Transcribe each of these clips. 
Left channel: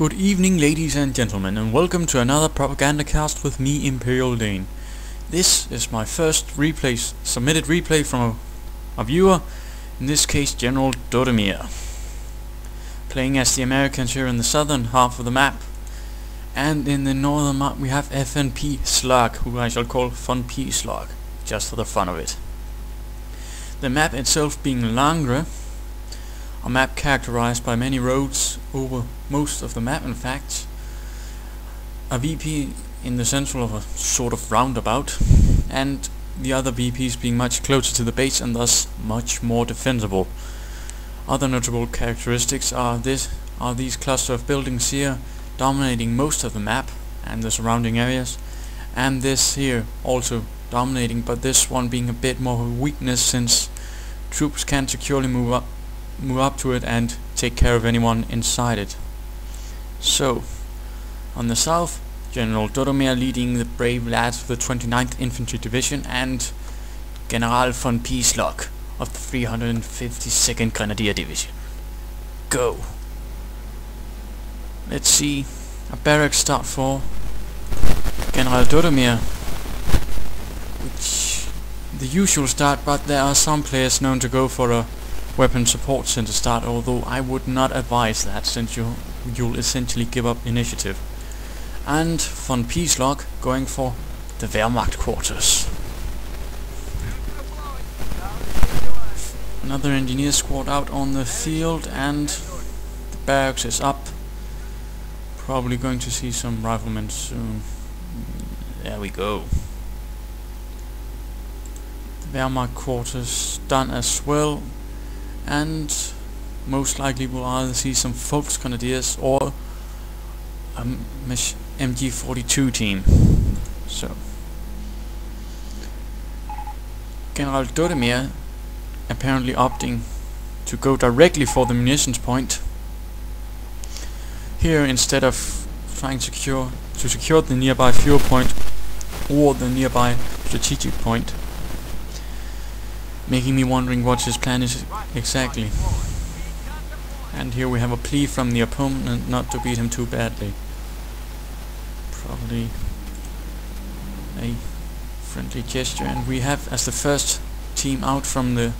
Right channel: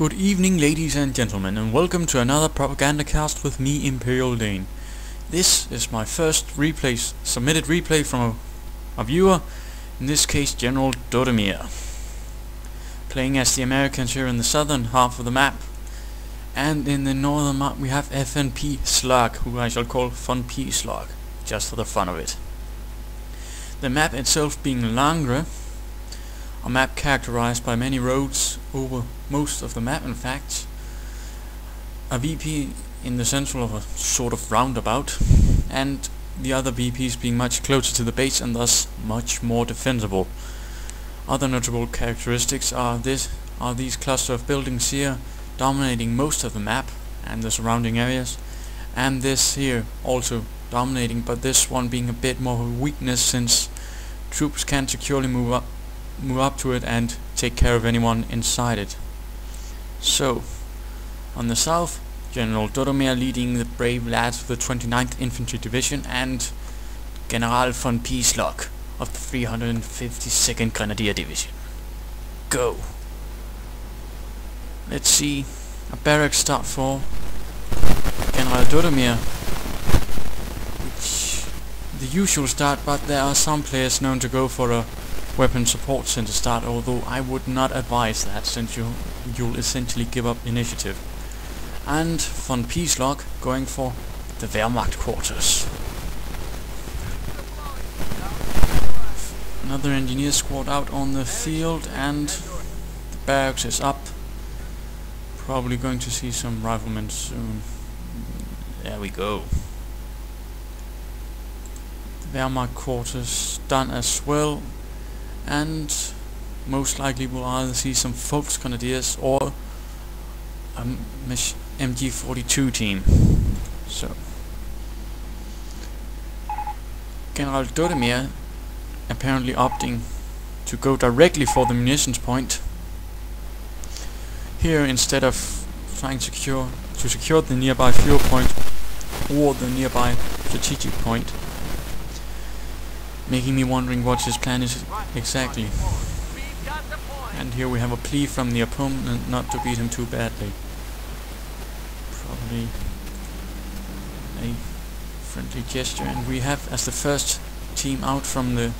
Good evening, ladies and gentlemen, and welcome to another Propagandacast with me, Imperial Dane. This is my first submitted replay from a viewer, in this case Gendodimir, playing as the Americans here in the southern half of the map, and in the northern map we have FnPSlug, who I shall call FnPSlug, just for the fun of it. The map itself being Langres, a map characterized by many roads over most of the map, in fact. A VP in the central of a sort of roundabout, and the other VPs being much closer to the base and thus much more defensible. Other notable characteristics are these cluster of buildings here dominating most of the map and the surrounding areas, and this here also dominating, but this one being a bit more of a weakness since troops can't securely move up to it and take care of anyone inside it. So, on the south, Gendodimir leading the brave lads of the 29th Infantry Division and General FnPSlug of the 352nd Grenadier Division. Go! Let's see, a barracks start for Gendodimir, which the usual start, but there are some players known to go for a weapon support center start, although I would not advise that since you'll essentially give up initiative. And FnPSlug going for the Wehrmacht quarters. Another engineer squad out on the field, and the barracks is up. Probably going to see some riflemen soon. There we go. The Wehrmacht quarters done as well, and most likely we'll either see some Volksgrenadiers or a MG42 team. So, Gendodimir apparently opting to go directly for the munitions point here instead of trying to secure the nearby fuel point or the nearby strategic point, making me wondering what his plan is exactly. And here we have a plea from the opponent not to beat him too badly. Probably a friendly gesture, and we have as the first team out from the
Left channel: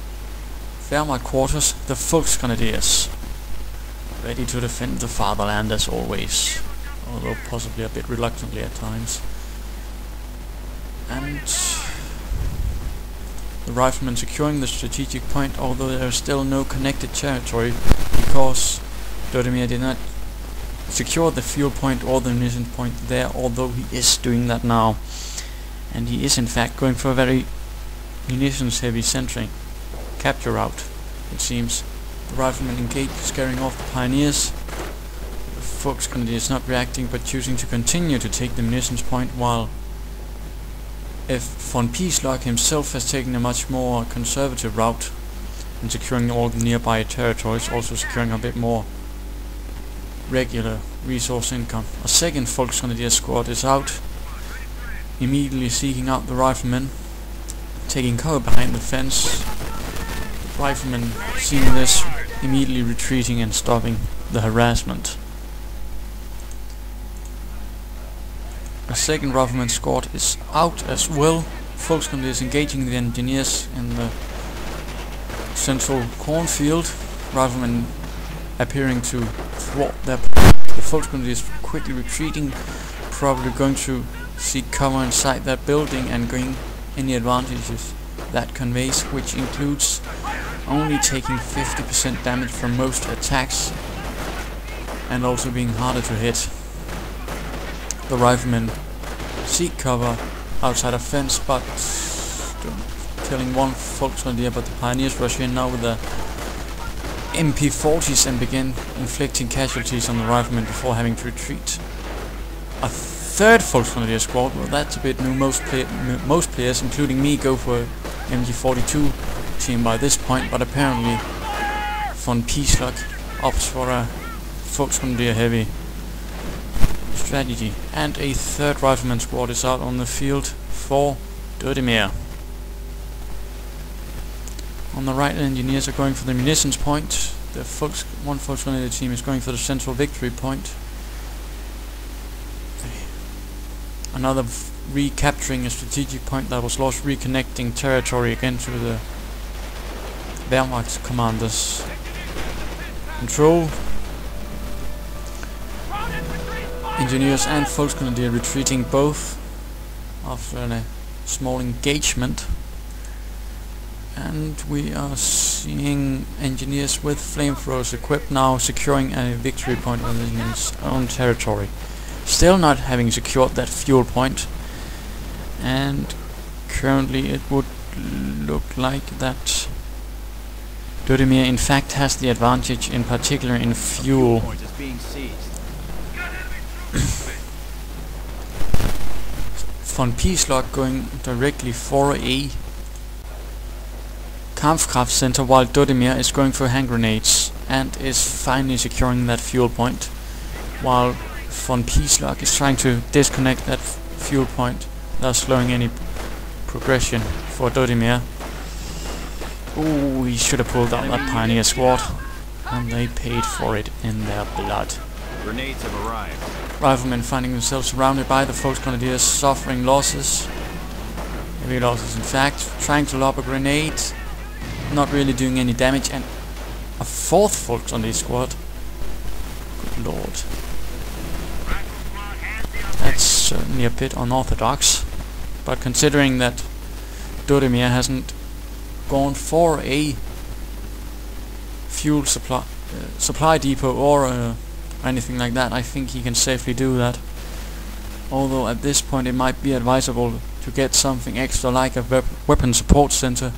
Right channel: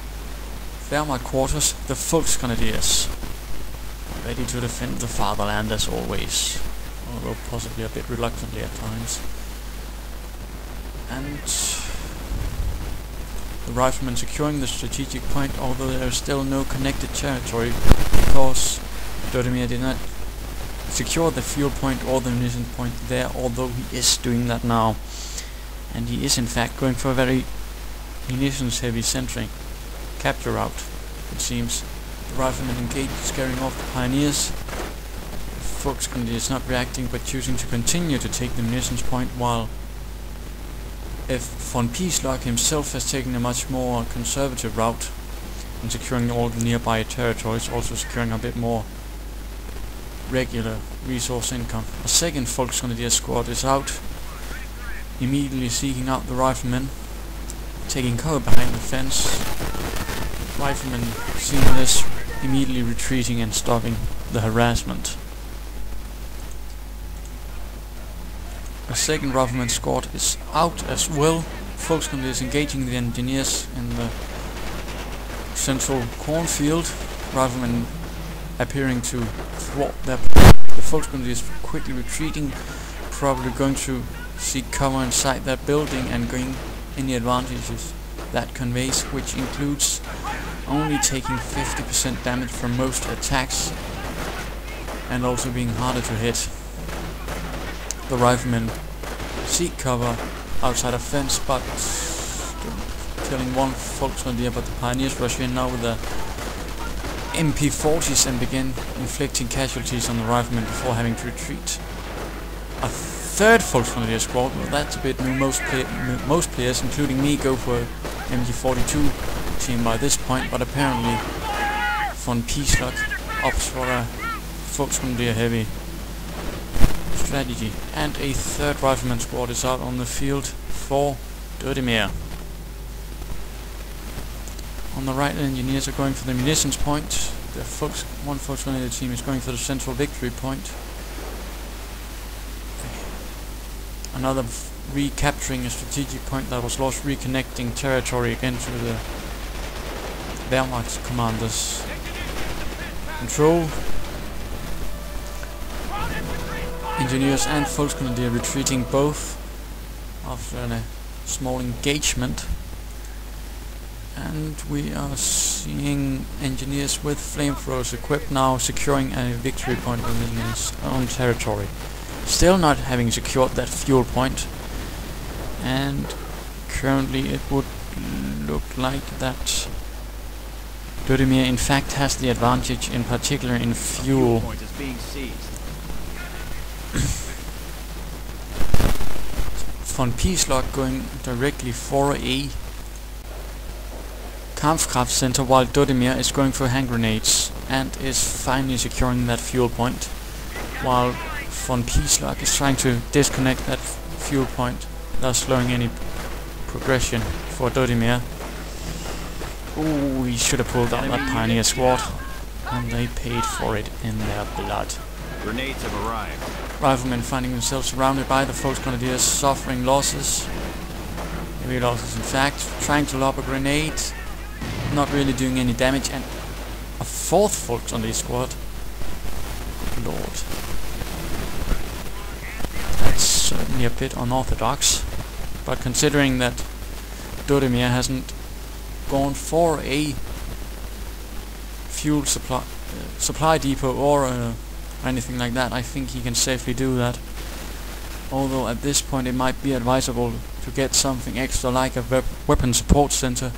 Wehrmacht quarters the Volksgrenadiers, ready to defend the fatherland as always, although possibly a bit reluctantly at times. And the riflemen securing the strategic point, although there is still no connected territory because Gendodimir did not secure the fuel point or the munition point there, although he is doing that now. And he is in fact going for a very munitions heavy sentry capture route, it seems. The riflemen engaged, scaring off the pioneers. The Volksgrenadiers not reacting but choosing to continue to take the munitions point, while FnPSlug himself has taken a much more conservative route and securing all the nearby territories, also securing a bit more regular resource income. A second Volksgrenadier squad is out, immediately seeking out the riflemen, taking cover behind the fence. The riflemen, seeing this, immediately retreating and stopping the harassment. A second rifleman squad is out as well. Volksgrenadiers engaging the engineers in the central cornfield. Riflemen appearing to thwart their plan. The Volksgrenadiers quickly retreating, probably going to seek cover inside that building and gain any advantages that conveys, which includes only taking 50% damage from most attacks and also being harder to hit. The riflemen seek cover outside a fence, but killing one Volksgrenadier, but the pioneers rush in now with the MP40s and begin inflicting casualties on the riflemen before having to retreat. A third Volksgrenadier squad, well, that's a bit new. Most players, including me, go for MG42 team by this point, but apparently FnPSlug opts for a Volksgrenadier heavy strategy. And a third rifleman squad is out on the field for Gendodimir. On the right, the engineers are going for the munitions point. The one Volksgrenadier team is going for the central victory point. another recapturing a strategic point that was lost, reconnecting territory again to the Wehrmacht commanders. Control. Engineers and Volksgrenadier retreating both after a small engagement. And we are seeing engineers with flamethrowers equipped now securing a victory point within his own territory. Still not having secured that fuel point, and currently it would look like that Gendodimir in fact has the advantage, in particular in fuel. FnPSlug going directly for a Kampfkraft center, while Gendodimir is going for hand grenades and is finally securing that fuel point, while FnPSlug is trying to disconnect that fuel point, thus slowing any progression for Gendodimir. Ooh, he should have pulled out that pioneer squad, and they paid for it in their blood. Grenades have arrived. Riflemen finding themselves surrounded by the Volksgrenadiers, suffering losses. Heavy losses in fact, trying to lob a grenade, not really doing any damage, and a fourth Volksgrenadier squad. Good lord. That's certainly a bit unorthodox, but considering that Gendodimir hasn't gone for a fuel supply depot or anything like that, I think he can safely do that. Although at this point it might be advisable to get something extra like a weapon support center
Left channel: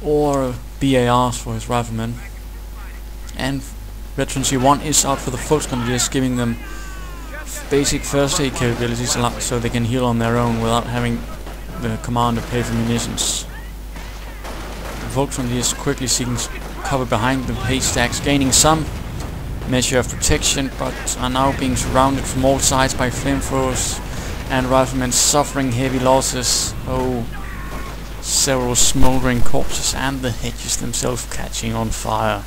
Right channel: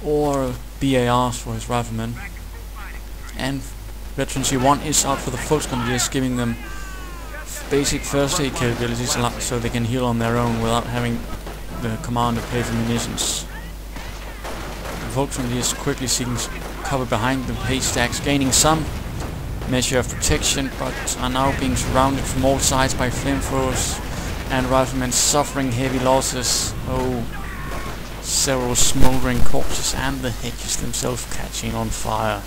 or BARs for his riflemen. And Veteran C1 is out for the Volksgrenadiers, giving them basic first aid capabilities so they can heal on their own without having the commander pay for munitions. The Volksgrenadiers quickly seeking cover behind the haystacks, gaining some measure of protection, but are now being surrounded from all sides by flamethrowers, and riflemen suffering heavy losses. Oh, several smoldering corpses and the hedges themselves catching on fire.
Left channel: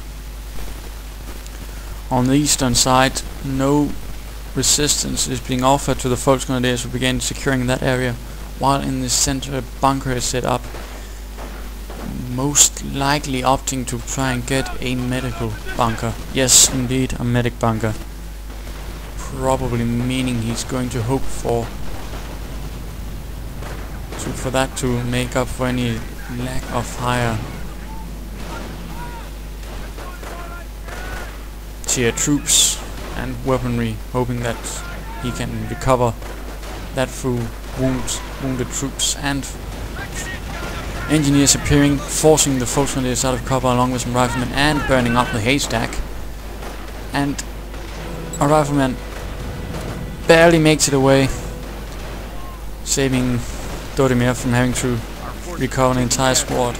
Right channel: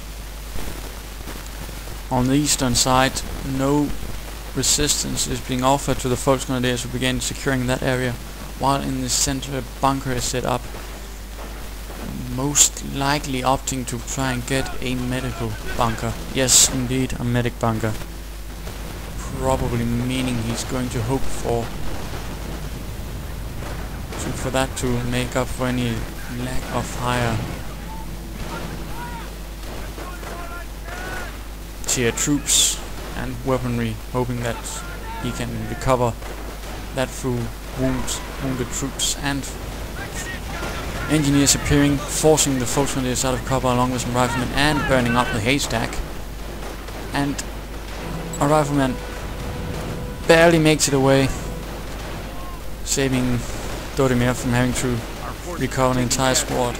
On the eastern side, no resistance is being offered to the Volksgrenadiers who begin securing that area, while in the center a bunker is set up, most likely opting to try and get a medical bunker. Yes, indeed, a medic bunker. Probably meaning he's going to hope for that to make up for any lack of higher tier troops and weaponry, hoping that he can recover that through wounded troops and engineers appearing, forcing the Volksgrenadiers out of cover along with some riflemen and burning up the haystack. And a rifleman barely makes it away, saving Gendodimir from having to recover an entire squad.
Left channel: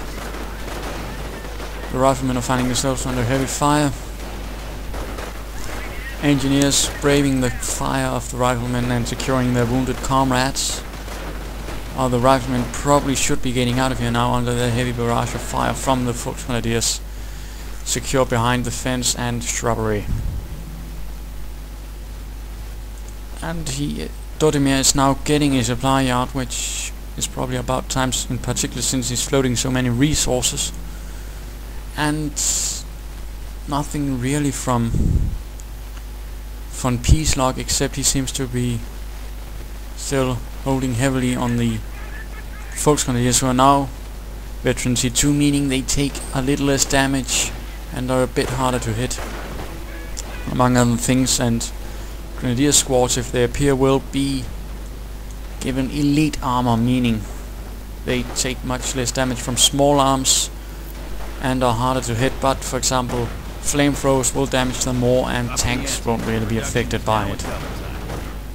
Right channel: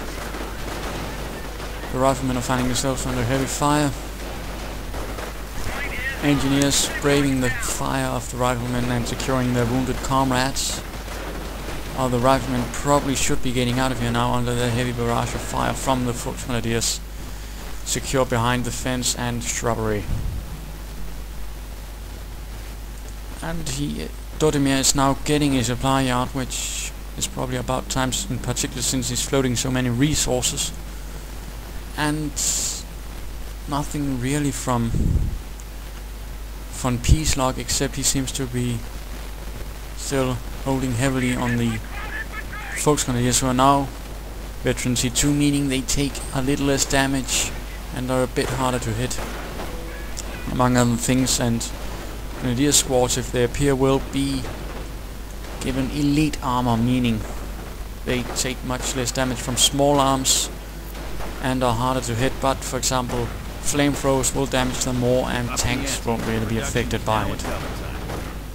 The riflemen are finding themselves under heavy fire. Engineers braving the fire of the riflemen and securing their wounded comrades. The riflemen probably should be getting out of here now under the heavy barrage of fire from the Volksgrenadiers, secure behind the fence and shrubbery. And Gendodimir is now getting a supply yard, which is probably about time, in particular since he's floating so many resources. And nothing really from FnPSlug, except he seems to be still holding heavily on the Volksgrenadiers, who are now Veteran C2, meaning they take a little less damage and are a bit harder to hit, among other things. And Grenadier squads, if they appear, will be given elite armor, meaning they take much less damage from small arms and are harder to hit, but for example flamethrowers will damage them more and tanks won't really be affected by it,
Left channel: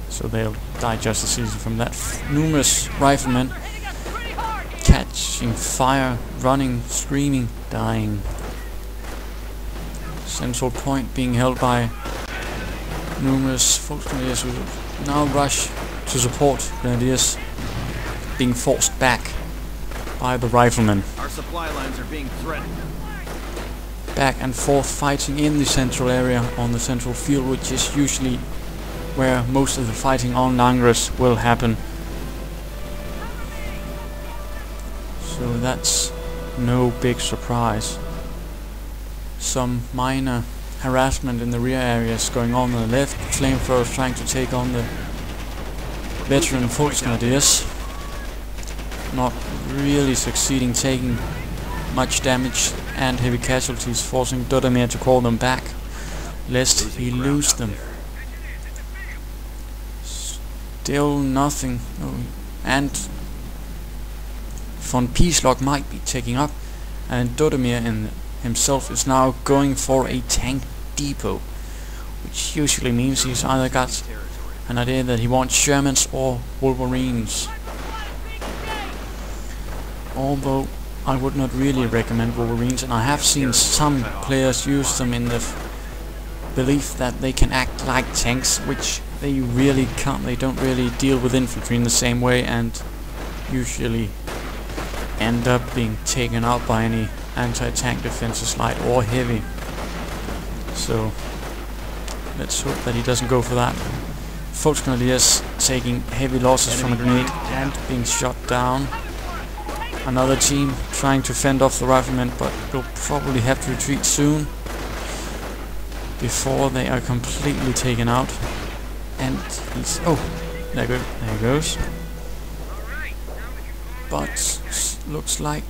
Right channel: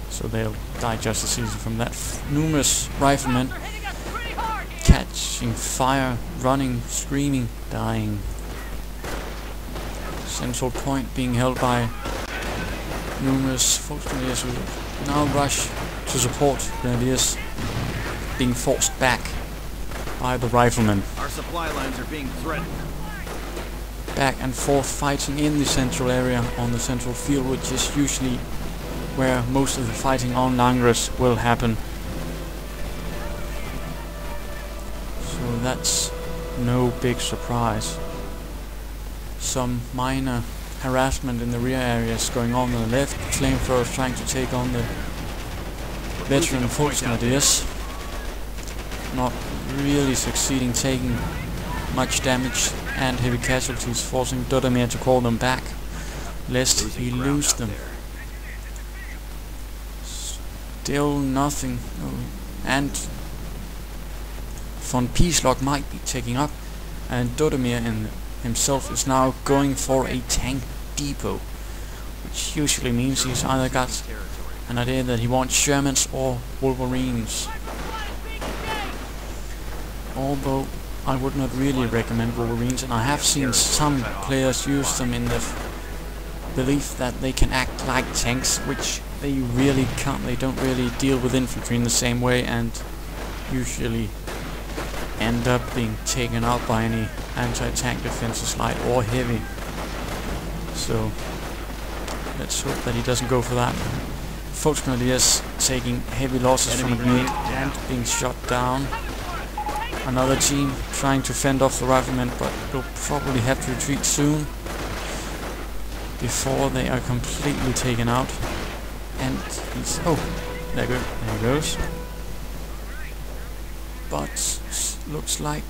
so they'll die just as easy from that. Numerous riflemen catching fire, running, screaming, dying. Central point being held by numerous Volksgrenadiers who now rush to support Grenadiers, being forced back by the riflemen. Our supply lines are being threatened. Back and forth fighting in the central area on the central field, which is usually where most of the fighting on Langres will happen. So that's no big surprise. Some minor harassment in the rear areas going on the left. Flamethrowers trying to take on the veteran Volksgrenadiers. Not really succeeding, taking much damage and heavy casualties, forcing Gendodimir to call them back, lest he lose them. Still nothing. Oh, and FnPSlug might be taking up, and Gendodimir himself is now going for a tank depot, which usually means he's either got an idea that he wants Shermans or Wolverines. Although I would not really recommend Wolverines, and I have seen some players use them in the belief that they can act like tanks, which they really can't. They don't really deal with infantry in the same way, and usually end up being taken out by any anti-tank defenses, light or heavy. So let's hope that he doesn't go for that. Volksgrenadiers taking heavy losses from a grenade and being shot down. Another team trying to fend off the riflemen, but will probably have to retreat soon before they are completely taken out. And he's... oh, there he goes. But looks like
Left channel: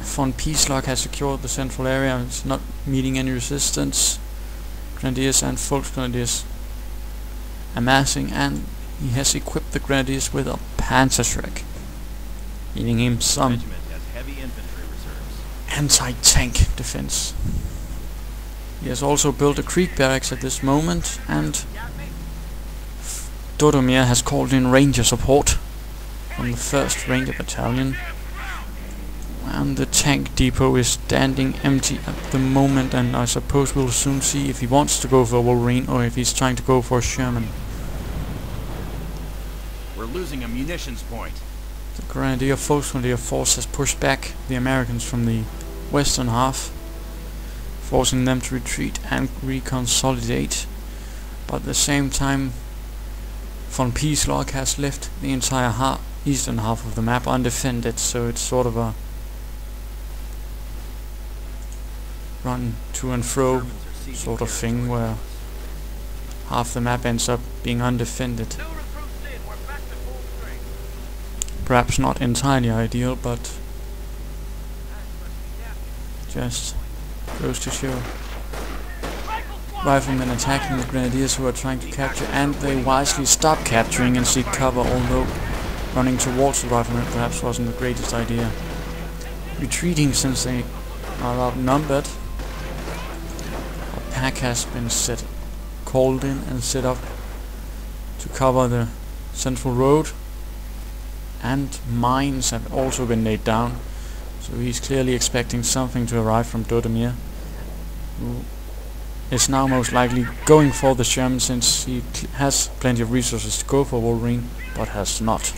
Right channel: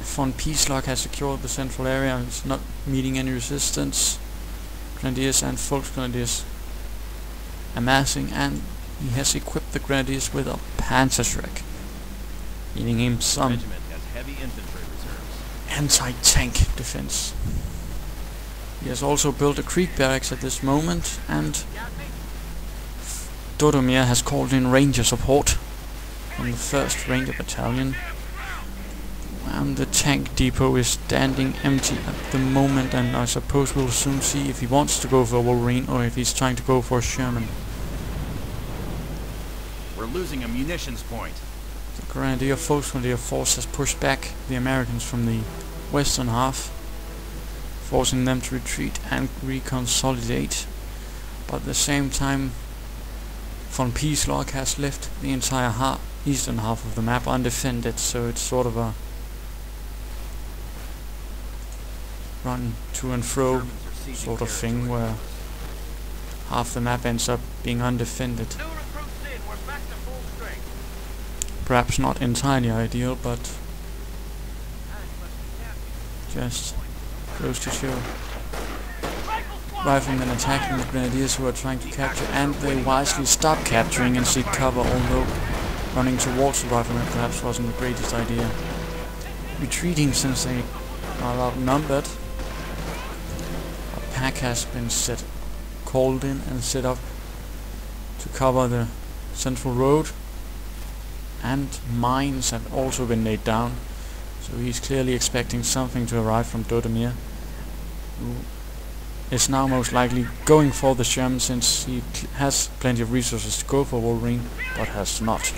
FnPSlug has secured the central area. It's not meeting any resistance. Grenadiers and Volksgrenadiers amassing, and he has equipped the Grenadiers with a Panzerschreck, giving him some anti-tank defense. He has also built a creek barracks at this moment, and Gendodimir has called in ranger support from the 1st Ranger Battalion, and the tank depot is standing empty at the moment, and I suppose we'll soon see if he wants to go for a Wolverine or if he's trying to go for a Sherman. We're losing a munitions point. The Volksgrenadier force has pushed back the Americans from the western half, forcing them to retreat and reconsolidate, but at the same time FnPSlug has left the entire eastern half of the map undefended, so it's sort of a run to and fro sort of thing where half the map ends up being undefended. Perhaps not entirely ideal, but just goes to show. Riflemen attacking the Grenadiers who are trying to capture, and they wisely stop capturing and seek cover, although running towards the riflemen perhaps wasn't the greatest idea. Retreating since they are outnumbered. A pack has been called in and set up to cover the central road, and mines have also been laid down, so he's clearly expecting something to arrive from Gendodimir, who is now most likely going for the Sherman, since he has plenty of resources to go for Wolverine, but has not.